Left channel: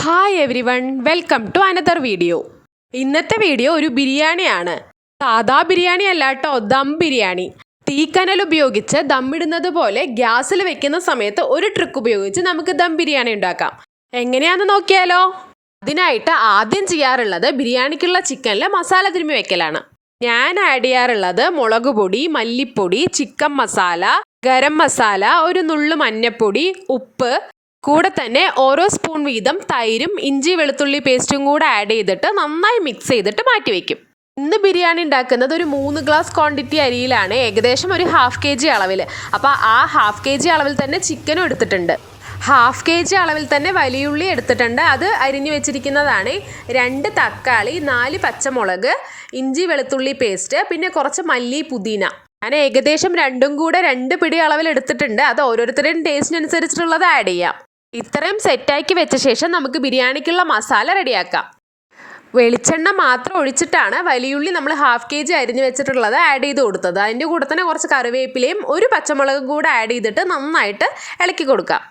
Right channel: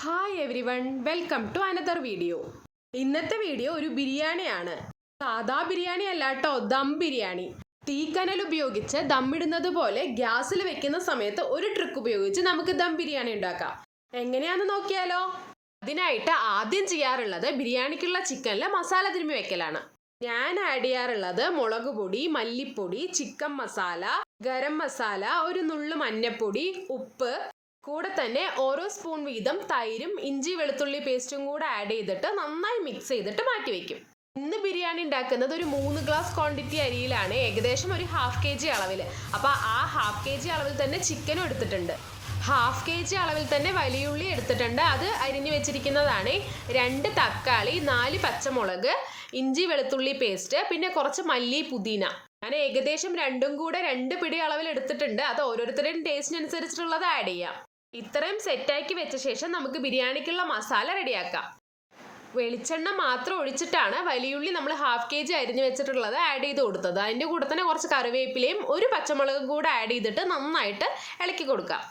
Hi everyone, welcome to another video. ഇന്നത്തെ video ഒരു ബിരിയാണിയാണ്. സാധാ ബിരിയാണി അല്ല കേട്ടോ, ദം ബിരിയാണി. തീക്കനൽ ഉപയോഗിച്ച് ദമ്മിടുന്നത് പോലെ ഗ്യാസിൽ വെക്കുന്ന സമയത്ത് ഒരു ട്രിക്ക് ഉപയോഗിച്ച് നമുക്ക് ദം ബിരിയാണി ഉണ്ടാക്കാം. എങ്ങനെയാണെന്ന് നോക്കിയാലോ? അതിനായിട്ട് ആദ്യം ചെയ്യാറുള്ളത് ബിരിയാണിക്കുള്ള ചിക്കനിൽ മസാല തിരുമ്മി വെക്കലാണ്. ഞാൻ ആഡ് ചെയ്യാറുള്ളത് മുളക് പൊടി, മല്ലിപ്പൊടി, ചിക്കൻ മസാല, ഗരം മസാല, ഒരു നുള്ളു മഞ്ഞപ്പൊടി, ഉപ്പ്, കൂടെ തന്നെ ഓരോ സ്പൂൺ വീതം തൈരും ഇഞ്ചി വെളുത്തുള്ളി പേസ്റ്റും കൂടെ ആഡ് ചെയ്തിട്ട് നന്നായി മിക്സ് ചെയ്തിട്ട് മാറ്റി വയ്ക്കും. ഇന്ന് ബിരിയാണി ഉണ്ടാക്കുന്നത് ഒരു 3 ഗ്ലാസ് ക്വാണ്ടിറ്റി അരിയിലാണ്, ഏകദേശം ഒരു ഹാഫ് kg അളവിൽ. അപ്പോൾ ആ ഹാഫ് kg അളവിൽ തന്നെ ചിക്കനും എടുത്തിട്ടുണ്ട്. ഹാഫ് kg അളവിൽ തന്നെ വലിയുള്ളി എടുത്തിട്ടുണ്ട്, അത് അരിഞ്ഞു വെച്ചിരിക്കുന്നതാണ്. 2 തക്കാളി, 4 പച്ചമുളക്, ഇഞ്ചി വെളുത്തുള്ളി പേസ്റ്റ്, പിന്നെ കുറച്ച് മല്ലി പുതിന. ഞാൻ ഏകദേശം രണ്ടും കൂടെ 2 പിടി അളവിൽ എടുത്തിട്ടുണ്ട്. അത് ഓരോരുത്തരുടെയും ടേസ്റ്റിനനുസരിച്ചിട്ടുള്ളത് ആഡ് ചെയ്യാം. ഇത്രയും സെറ്റാക്കി വെച്ച ശേഷം നമുക്ക് ബിരിയാണിക്കുള്ള മസാല റെഡിയാക്കാം. വെളിച്ചെണ്ണ മാത്രം ഒഴിച്ചിട്ടാണ് വലിയുള്ളി നമ്മൾ ഹാഫ് kg അരിഞ്ഞു വെച്ചിട്ടുള്ളത് ആഡ് ചെയ്ത് കൊടുത്തത്. അതിൻ്റെ കൂടെ തന്നെ കുറച്ച് കറിവേപ്പിലയും ഒരു പച്ചമുളകും കൂടെ ആഡ് ചെയ്തിട്ട് നന്നായിട്ട് ഇളക്കി കൊടുക്കാം.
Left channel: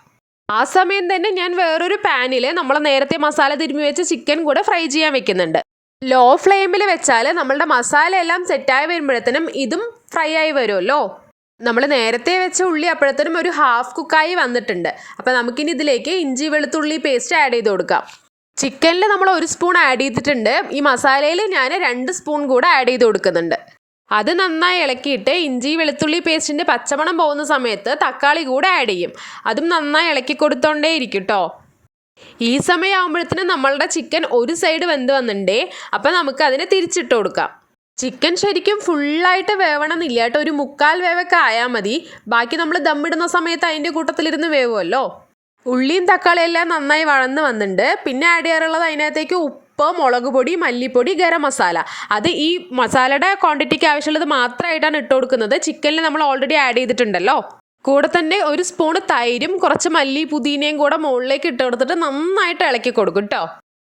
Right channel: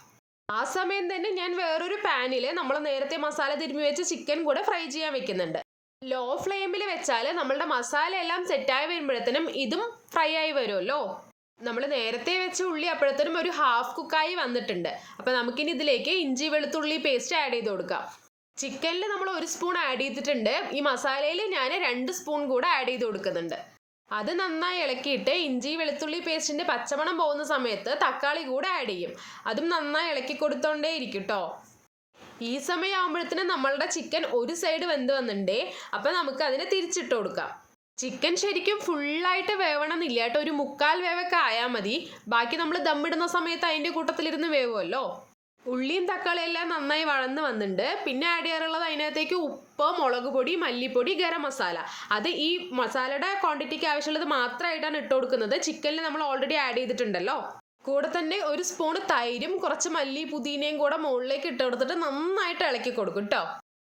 ആ സമയം തന്നെ ഞാൻ വേറൊരു പാനിൽ നമ്മൾ നേരത്തെ മസാല തിരുമ്മി വെച്ച് ചിക്കൻ കൂടെ ഫ്രൈ ചെയ്യാൻ വെക്കുന്നുണ്ട്. ലോ ഫ്ലെയിമിൽ വെച്ചാൽ നമ്മളുടെ മസാല എല്ലാം സെറ്റായി വരുമ്പോഴത്തേനും ഇതും ഫ്രൈ ആയി വരുമല്ലോ. നമ്മൾ നേരത്തെ വെച്ച ഉള്ളി അപ്പോഴത്തേനും ഒരു ഹാഫ് കുക്കായി വന്നിട്ടുണ്ട്. അപ്പോൾ നമുക്കിനി ഇതിലേക്ക് ഇഞ്ചി വെളുത്തുള്ളി പേസ്റ്റ് ആഡ് ചെയ്ത് കൊടുക്കാം. ചിക്കനിൽ നമ്മൾ 1 സ്പൂൺ ആഡ് ചെയ്തിട്ടുണ്ട്. ഈ മസാലയിൽ ഞാൻ 2 സ്പൂൺ കൂടെ ആഡ് ചെയ്ത് കൊടുക്കുന്നുണ്ട്. അത് നന്നായി ഇളക്കിയിട്ട് ഇഞ്ചി വെളുത്തുള്ളി പേസ്റ്റിൻ്റെ പച്ചമണം പോകുന്ന സമയത്ത് തക്കാളി കൂടെ ആഡ് ചെയ്യും. അതും നന്നായി ഇളക്കി കൊടുത്തോണ്ടേ ഇരിക്കും കേട്ടോ. ഈ സമയമാകുമ്പോഴത്തേനും നമ്മളുടെ ചിക്കൻ ഒരു സൈഡ് വെന്ത് വന്നിട്ടുണ്ടേ. അപ്പം നമുക്ക് അതിനെ തിരിച്ചിട്ട് കൊടുക്കാം. ചിക്കൻ ശരിക്കും ഫുള്ളായിട്ട് വേവണമെന്നില്ല കേട്ടോ, ഒരു 1/4 വേവൊക്കെ ആയാൽ മതി. ബാക്കി നമ്മൾ ദമ്മിടുന്ന സമയത്ത് അതിൻ്റെ കൂട്ടത്തിലിരുന്ന് വേവുമല്ലോ. ഉള്ളിയും തക്കാളിയെല്ലാം നന്നായി വഴന്ന് വന്നിട്ടുണ്ട്. പിന്നെ ആഡ് ചെയ്യാറുള്ളത് അതിനകത്തേക്ക് ഉപ്പ്, മുളക് പൊടി, മല്ലിപ്പൊടി, ഗരം മസാല. അത് ഈ മസാലയുടെ ക്വാണ്ടിറ്റിക്ക് ആവശ്യമുള്ളത് മാത്രമായിട്ടാണ് ഇട്ട് കൊടുക്കുന്നത്. ചിക്കനിൽ നമ്മൾ ഓൾറെഡി ആഡ് ചെയ്തിട്ടുണ്ടല്ലോ. കൂടെ തന്നെ 1 സ്പൂൺ തൈരും കുറച്ച് മല്ലി പുതിനയും കൂടെ മുകളിലേക്ക് ഇട്ട് കൊടുത്തിട്ട് നന്നായിട്ട് ഇളക്കി കൊടുക്കും കേട്ടോ.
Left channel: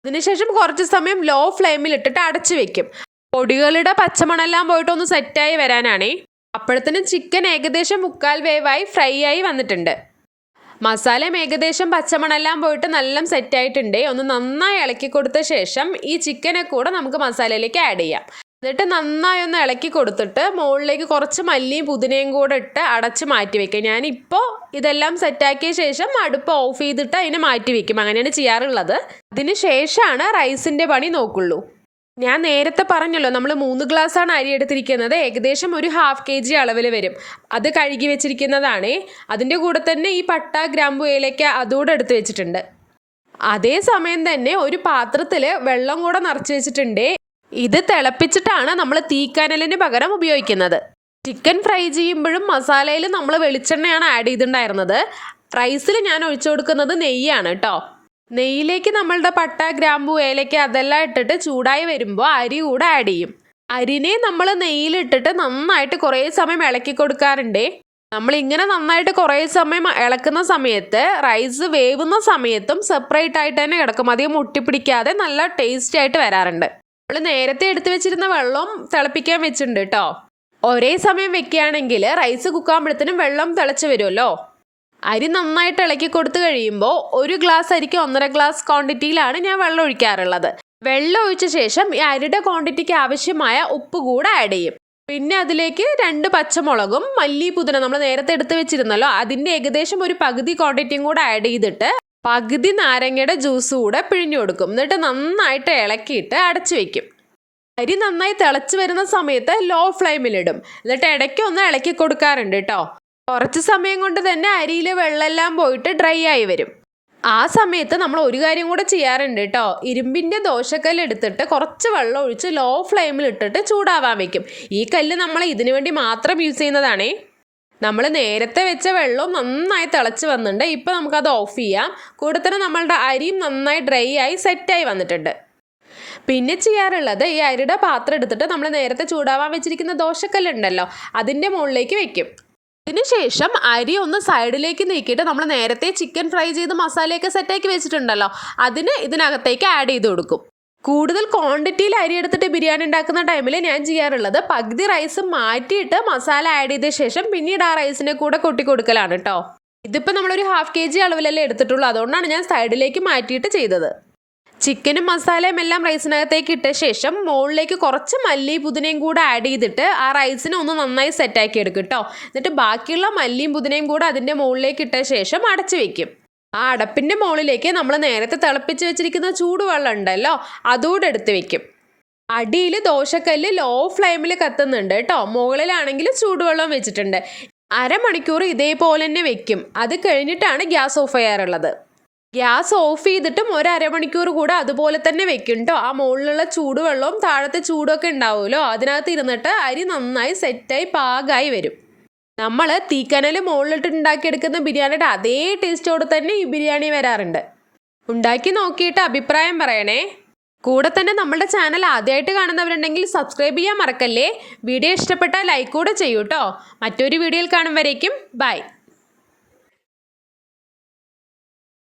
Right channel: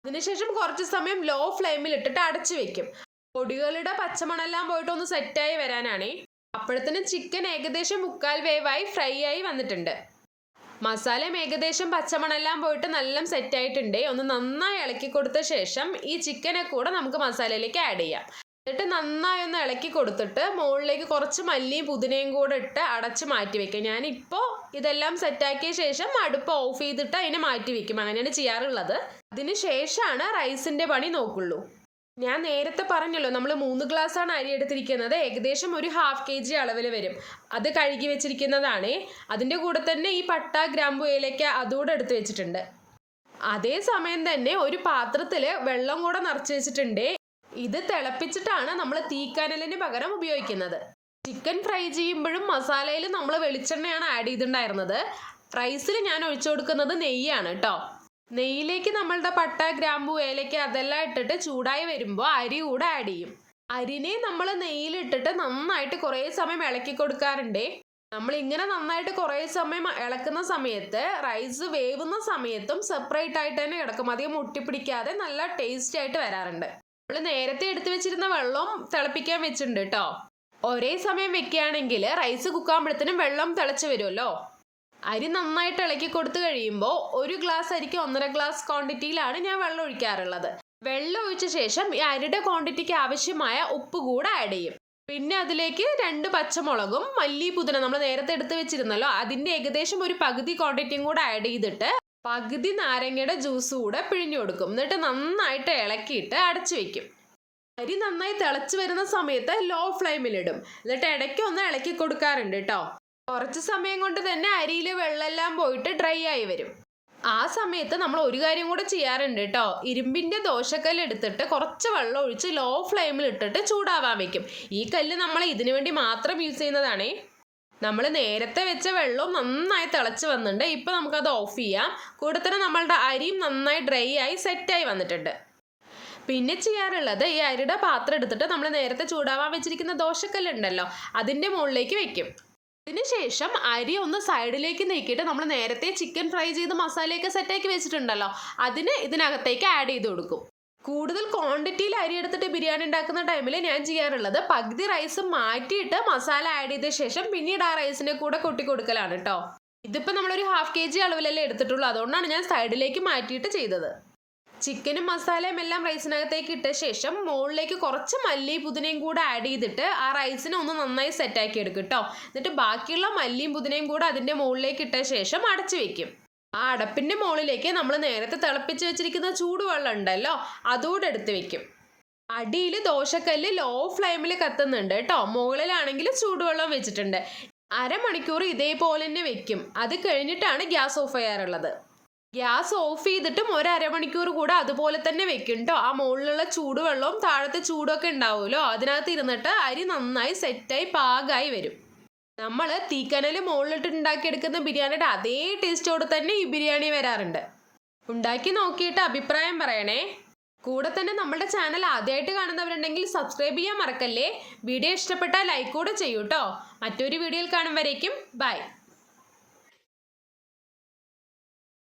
അതിനുശേഷം കുറച്ച് സമയം ലോ ഫ്ലെയിമിൽ ഇട്ടിട്ട് അടച്ചു വെക്കും. പൊടികളുടെ പച്ചമണെല്ലാം പോയിട്ട് ഒന്ന് സെറ്റായി വരാനാണേ. അപ്പോഴത്തേനും ചിക്കൻ ഏകദേശം 1/4 വേവായി ഫ്രൈ ആയി വന്നിട്ടുണ്ട്. മസാലയും ഏകദേശം പച്ചമണെല്ലാം പോയിട്ട് നല്ല സെറ്റായിട്ടുണ്ട്. ഒന്ന് നന്നായി ഇളക്കി കൊടുത്ത ശേഷം ഈ ചിക്കനെ കൂടെ നമുക്ക് മസാലയിലേക്ക് ആഡ് ചെയ്യാം. എന്നിട്ട് നന്നായി ഒന്ന് ഇളക്കി കൊടുത്തിട്ട് മുകളിലേക്ക് കുറച്ച് മല്ലിയും പുതിനയും കൂടെ ഇട്ട് അടച്ച് മാറ്റി വെക്കാം. ഞാനിപ്പോൾ ഇതെല്ലാം സെറ്റാക്കിയ ശേഷം അടുപ്പ് ഓഫ് ചെയ്തിട്ട് അതിനെ മാറ്റി വെക്കും. അങ്ങനെയാണ് ചെയ്യാറുള്ളത്. അതിന് ശേഷമാണ് റൈസിൻ്റെ പണി നോക്കുള്ളൂ. ഞാൻ നേരത്തെ പറഞ്ഞല്ലോ, നമ്മൾ 3 ഗ്ലാസ്സാണ് അരി എടുത്തിരിക്കുന്നത്. ഏകദേശം ഒരു ഹാഫ് kg അളവിൽ വരും. അത് കഴുകി വെച്ചിരിക്കുന്നതാണ്. അതിൻ്റെ കൂടെ തന്നെ ഈ പട്ട, ഗ്രാമ്പു, ഏലക്ക അതുകൂടെ എടുത്ത് വെച്ചിട്ടുണ്ട്. അതേ സമയം തന്നെ ഒരു പാത്രത്തിൽ വെള്ളം കൂടെ നിറച്ച് വെച്ചിട്ടുണ്ട്. ഇത് തിളപ്പിച്ചിട്ടാണ് നമ്മൾ തീക്കനലിന് പകരം ഉപയോഗിക്കുന്നത്. ചിക്കൻ ഫ്രൈ ചെയ്യുമ്പോഴും മസാലയിൽ നമ്മൾ വെളിച്ചെണ്ണയാണ് ആഡ് ചെയ്തിട്ടുണ്ടായിരുന്നത്. റൈസിൽ ഞാൻ ഒഴിച്ചു കൊടുക്കുന്നത് നെയ്യാണ് കേട്ടോ. നെയ്യിലേക്ക് നമ്മളുടെ പട്ട, ഗ്രാമ്പു, ഏലക്ക അതെല്ലാം ഇട്ടിട്ട് ചൂടായി വരുമ്പോൾ അരി കൂടെ ആഡ് ചെയ്യും. അരിനെ നമ്മൾ നെയ്യിലിട്ടിട്ട് നന്നായിട്ട് കുറേ സമയം ഇളക്കി കൊടുക്കാറുണ്ട്. നമ്മളിങ്ങനെ നന്നായിട്ട് കുറേ സമയം ഇളക്കുന്ന സമയത്ത് റൈസ് വേവുന്ന സമയത്തും സെപ്പറേറ്റ് ആയിട്ട് തന്നെ കിടക്കും. അധികം ഒട്ടിപ്പിടിക്കാതെ നല്ല ടേസ്റ്റ് ആയിട്ട് വരാറുണ്ട്. നമ്മൾ നേരത്തെ എടുത്തു വെച്ചിരുന്ന വെള്ളം തിളപ്പിക്കാൻ വെച്ചിട്ടുണ്ട് കേട്ടോ. ഒരേ സമയം വെക്കുകയാണെങ്കിൽ റൈസ് കുക്കാകുമ്പോഴത്തേനും വെള്ളം തിളച്ച് വരുമല്ലോ. അരി നന്നായിട്ട് ഇളക്കി കൊടുത്തു കഴിയുമ്പോൾ 1 ഗ്ലാസ് അരിക്ക് 1.5 ഗ്ലാസ് ക്വാണ്ടിറ്റിയിലാണ് ഞാൻ വെള്ളം ഒഴിക്കാറുള്ളത്. വെള്ളം ഒഴിച്ച ശേഷം ഈ അരിയുടെ ക്വാണ്ടിറ്റിക്ക് ആവശ്യമായ ഉപ്പ് കൂടെ ആഡ് ചെയ്യും. പിന്നെ അതിലേക്ക് 2 പച്ചമുളകും മല്ലി പുതിന നമ്മൾ നേരത്തെ എടുത്ത് വെച്ചിരുന്നല്ലോ, അതിൻ്റെ ഏകദേശം ഒരു പകുതി ക്വാണ്ടിറ്റിയും കൂടെ ആഡ് ചെയ്തിട്ട് പകുതി നാരങ്ങയുടെ ജ്യൂസ് കൂടെ പിഴിഞ്ഞു കൊടുക്കും. എന്നിട്ട് നന്നായിട്ട് ഇളക്കിയിട്ട് അടച്ചു വെക്കും. അരി നന്നായി തിളച്ച് വരുന്ന സമയത്ത് ലോ ഫ്ലെയിമിലിടും. എന്നിട്ട് ഇടയ്ക്ക് ഒന്ന് ഇളക്കി കൊടുക്കാറുണ്ട് കേട്ടോ. കുറച്ച് സമയം കൊണ്ട് തന്നെ അരിയിൽ വെള്ളമെല്ലാം പോയിട്ട് ഡ്രൈ ആയി വരും. ആ സമയത്ത് നമ്മൾ ഒരു കാര്യം കൂടെ ചെയ്യാറുണ്ട് കേട്ടോ. ഇരുമ്പിൻ്റെ ദോശക്കല്ല് എടുത്തിട്ട് കുറച്ച് വെള്ളം ഒഴിച്ച് ലോ ഫ്ലെയിമിൽ ഇട്ടിട്ട് ചൂടാവാൻ വെക്കും. ഈ കല്ല് നമ്മൾ ഇതിനു വേണ്ടി മാത്രം യൂസ് ചെയ്യുന്നതാണേ. നമ്മൾ നേരത്തെ വെച്ച വെള്ളം നന്നായി തിളച്ച് വന്നിട്ടുണ്ട്. ഇപ്പോൾ നമുക്കത് ഓഫ് ചെയ്യാം. കൂടെ തന്നെ നമ്മളുടെ അരിയും നന്നായി ഡ്രൈ ആയി സെറ്റായി വന്നിട്ടുണ്ട്. പിന്നെ ചെയ്യാറുള്ളത് ഈ അരിയുടെ പാത്രം എടുത്തിട്ട് നമ്മൾ നേരത്തെ ചൂടാവാൻ വെച്ചിരിക്കുന്ന ദോശക്കല്ലുണ്ടല്ലോ, അതിൻ്റെ മുകളിലേക്ക് വെക്കും. അതിനുശേഷം അരി ഒന്ന് സൈഡിലേക്ക് നീക്കിയിട്ട് നമ്മൾ നേരത്തെ ചിക്കൻ ഫ്രൈ ചെയ്ത് മസാലയൊക്കെ സെറ്റാക്കി വെച്ചിട്ടുണ്ടല്ലോ, അതിന് ഇതിനകത്തേക്ക് ആഡ് ചെയ്ത് കൊടുക്കും. കൂടുതൽ ക്വാണ്ടിറ്റിയിൽ അരി എടുത്തിട്ട് ബിരിയാണി ഉണ്ടാക്കുന്ന ടൈമിൽ ഞാൻ ചെയ്യാറുള്ളത് പകുതി റൈസ് മാറ്റിയിട്ട് മസാല ആഡ് ചെയ്ത ശേഷം പിന്നീട് ആ റൈസിനെ കൂടെ കൊട്ടി കൊടുക്കലാണ് കേട്ടോ. ഇതിപ്പോൾ നമ്മളൊരു ഹാഫ് kg അളവിലല്ലേ എടുത്തിട്ടുള്ളൂ, അതുകൊണ്ടാണ് ഞാൻ സൈഡിലേക്ക് മാറ്റിയിട്ട് ചെയ്തത്. ചിക്കനും മസാലയും എല്ലാം റൈസിനകത്തേക്ക് ഇട്ട ശേഷം മുകളിലേക്ക് കുറച്ച് മല്ലിയും പുതിനയും കൂടെ ആഡ് ചെയ്തിട്ട് ആ റൈസിനെ ഒന്ന് നന്നായി സെറ്റാക്കി എടുക്കും കേട്ടോ. എന്നിട്ട് ബാക്കിയുള്ള മല്ലിയും പുതിനയും കൂടെ അതിൻ്റെ മുകളിലേക്ക് ഇട്ട ശേഷം അടച്ചു വെക്കും. ആ അടപ്പിൻ്റെ മുകളിലേക്ക് നമ്മൾ നേരത്തെ തിളപ്പിച്ച് വെച്ചിരിക്കുന്ന ചൂടുവെള്ളം ഉണ്ടല്ലോ, അതുകൂടെ എടുത്ത് വെക്കും. അടിയിൽ ദോശക്കല്ല് ലോ ഫ്ലെയിമിൽ കത്തുന്നുണ്ട് കേട്ടോ. മുകളിലാണെങ്കിൽ ചൂടുവെള്ളം വെച്ചിട്ടുണ്ട്. അരമണിക്കൂർ ഇതേപോലെ തന്നെ വെക്കും. അത് കഴിഞ്ഞിട്ടാണ് ഗ്യാസ് ഓഫ് ചെയ്യാറുള്ളത്. ഗ്യാസ് ഓഫ് ചെയ്തിട്ടും ഒരു അരമണിക്കൂർ കൂടെ അതുപോലെ തന്നെ വെക്കും കേട്ടോ. ആ മുകളിലുള്ള ചൂടുവെള്ളവും താഴത്തെ ചൂടൊക്കെ ഉണ്ടാവുമല്ലോ, അതിനകത്ത് ഇരുന്നിട്ട് അരി നന്നായി സെറ്റായി പാകമായി വരും. നമ്മൾ തീക്കനൽ മുകളിലിട്ട് ഉണ്ടാക്കിയെടുക്കുന്ന ബിരിയാണിയുടെ അതേ ടേസ്റ്റോടെ തന്നെ ഈ ബിരിയാണി വരാറുണ്ട്. ഉണ്ടാക്കി നോക്കിയിട്ട് അഭിപ്രായം പറയണേ. കൂടെ തന്നെ നമ്മുടെ ചാനൽ ആദ്യമായിട്ട് കാണുന്നവരുണ്ടെങ്കിൽ സബ്സ്ക്രൈബ് ചെയ്യാൻ മറക്കല്ലേ. വീഡിയോ ഇഷ്ടപ്പെട്ടാൽ ലൈക്ക് കൂടെ ചെയ്യൂ കേട്ടോ. മറ്റൊരു വീഡിയോയിൽ കാണും വരേക്കും ബൈ.